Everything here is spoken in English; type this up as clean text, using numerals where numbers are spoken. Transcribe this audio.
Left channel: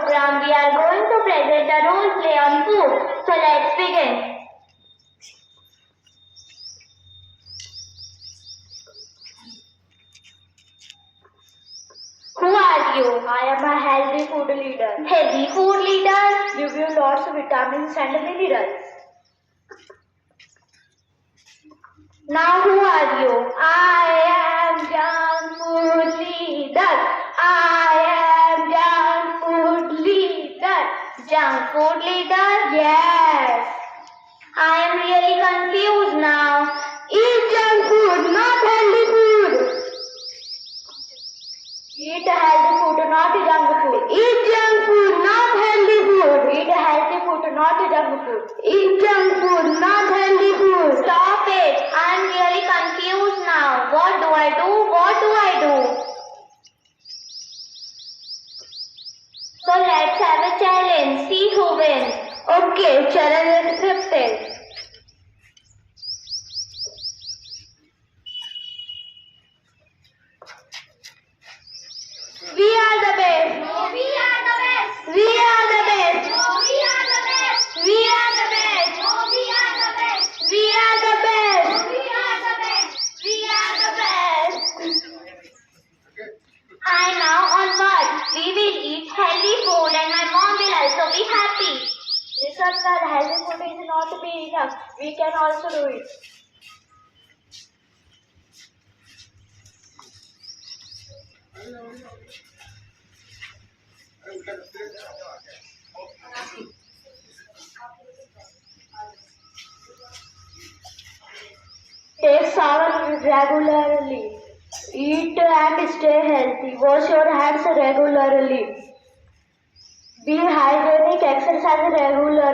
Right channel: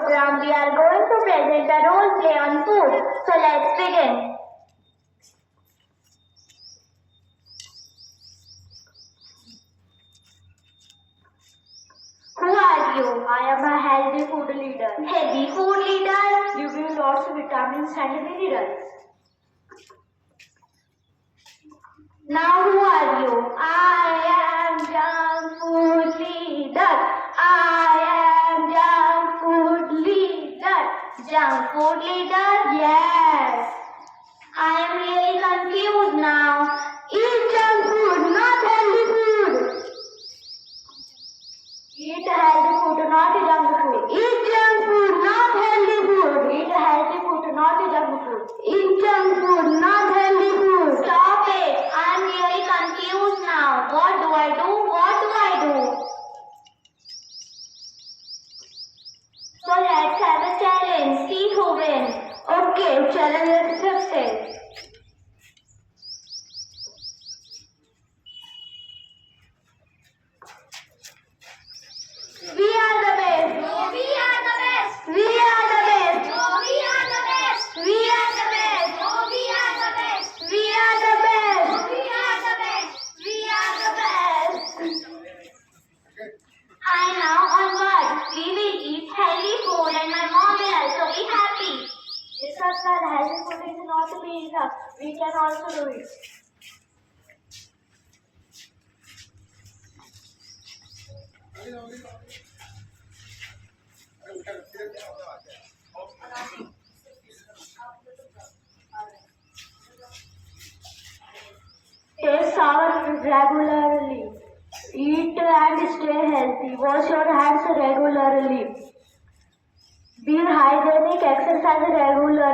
program, we are going to present a role play on food. So let's begin. Who are you? I am a healthy food leader. Healthy food leader. Give you lots of vitamins and minerals. Now who are you? I am junk food leader. I am junk food leader. Junk food leader? Yes. I am really confused now. Eat junk food, not healthy food. Eat a healthy food, not a junk food. Eat junk food, not healthy food. Eat a healthy food, not a junk food. Eat junk food, not healthy food. Stop it. I am really confused now. What do I do? What do I do? So let's have a challenge. See who wins. Okay, challenge accepted. We are the best. No, we are the best. We are the best. No, we are the best. We are the best. No, we are the best. We are the best. No, we are the best. We are the best. I now onward. We will eat healthy food and my mom will also be happy. Listen, sir, healthy food is not be enough. We can also do it. Take shower regularly. Eat and stay healthy. Wash your hands regularly. Be hygienic. Exercise regularly.